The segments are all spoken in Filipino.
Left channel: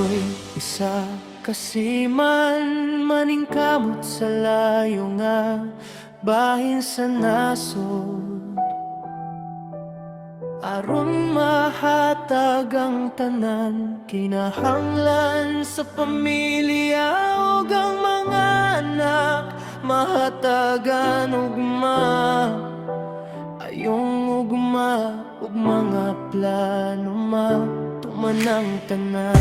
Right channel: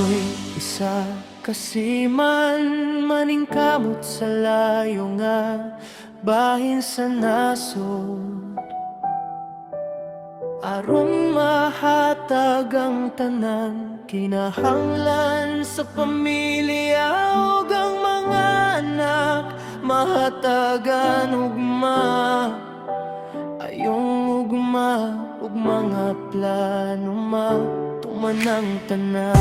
Ako'y isa kasiman, maningkamot sa layo nga bahin sa nasod. Aron mahatag ang tanan, kinahanglan sa pamilya ug ang mga anak, mahatagan ugma, ayong ugma ug mga plano matuman ang tanan.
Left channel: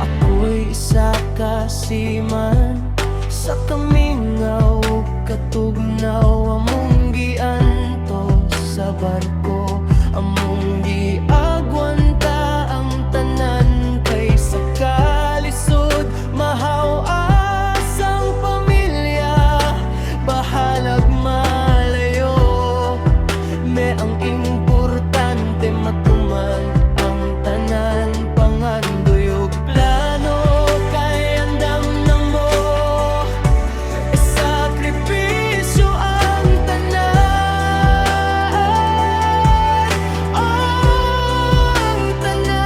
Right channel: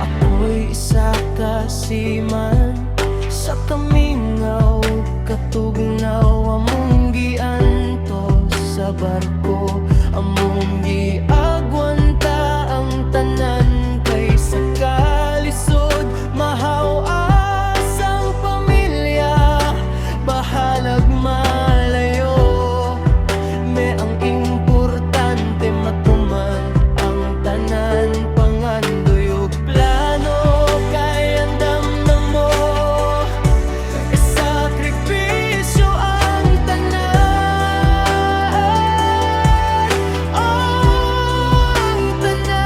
Ako'y isa kasiman sa kamingaw, katugnaw among giantos sa barko, among giagwanta ang tanan kay sa kalisod mahaw asang pamilya, bahalag malayo, me ang importante matuman ang tanan, pangandoy ug plano kay andam na mo, sakripisyo ang tanan, ang tanan.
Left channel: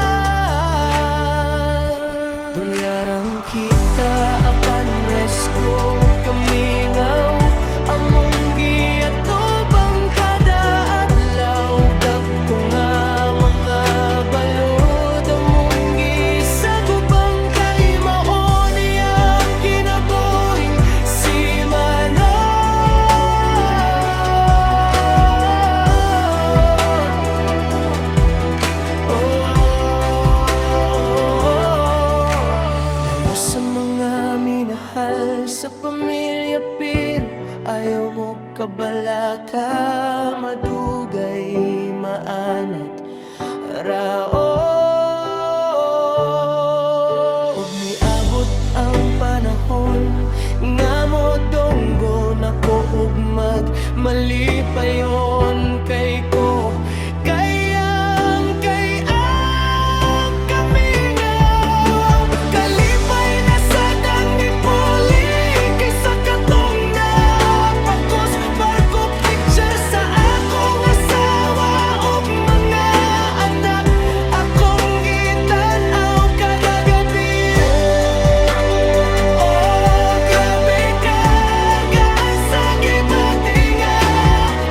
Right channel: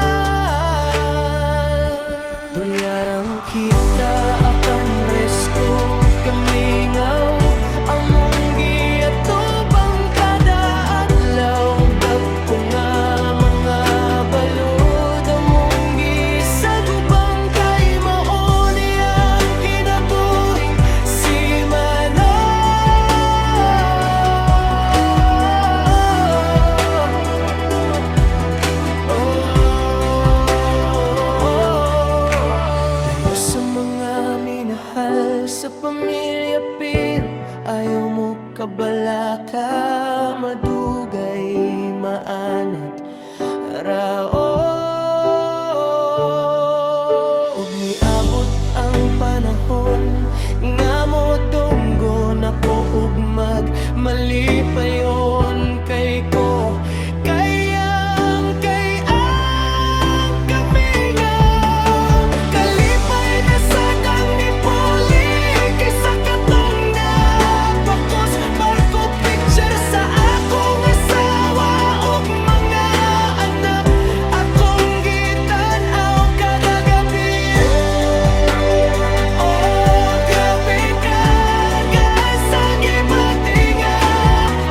Dolyarang kita apan resko kamingaw, among giatubang kada adlaw, dagko nga mga balod among gisagubang kay mao niyang kinabuhing simana. Layo sa mga minahal sa pamilya pero ayaw mo kabalaka, madugay maanat rao, ug niabot ang panahon nga mo donggo nako ug magmalipayon kay ko kayang kay ang kamingaw, kalipay na sa dang ni Poli kay sa katong napakos barko picture sa akong asawa ug mga anak, akong gitan-aw kada gabi. Oh, grabe ka sa gibatinga,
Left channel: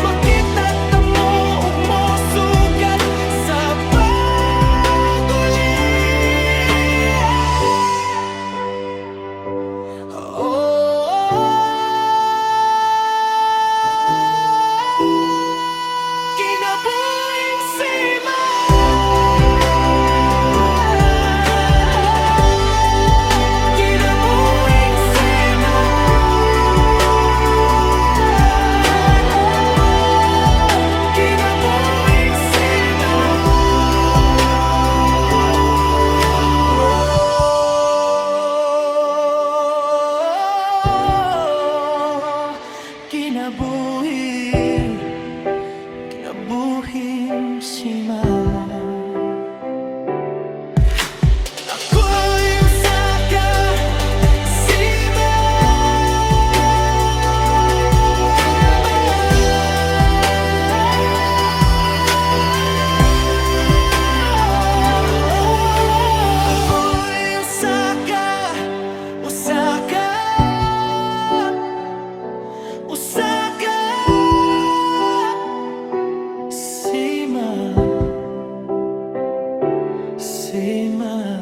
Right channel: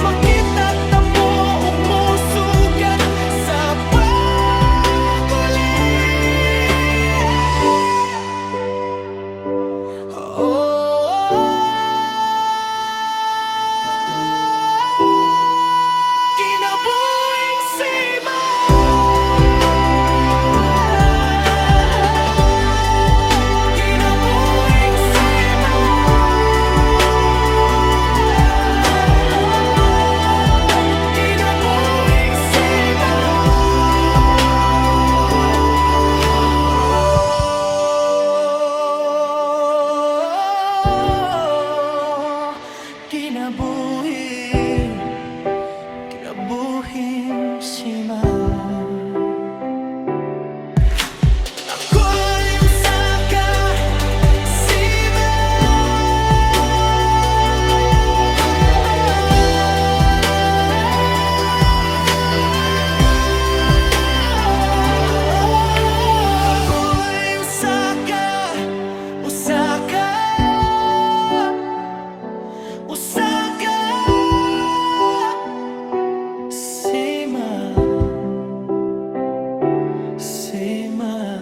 makita ta mo ug mosugat sa pag-uli. Kinabuhing sima, kinabuhing sima, kinabuhing sima. Kinabuhi, kinabuhing sima. Ako'y usa ka sima. Ako'y usa ka sima, sima.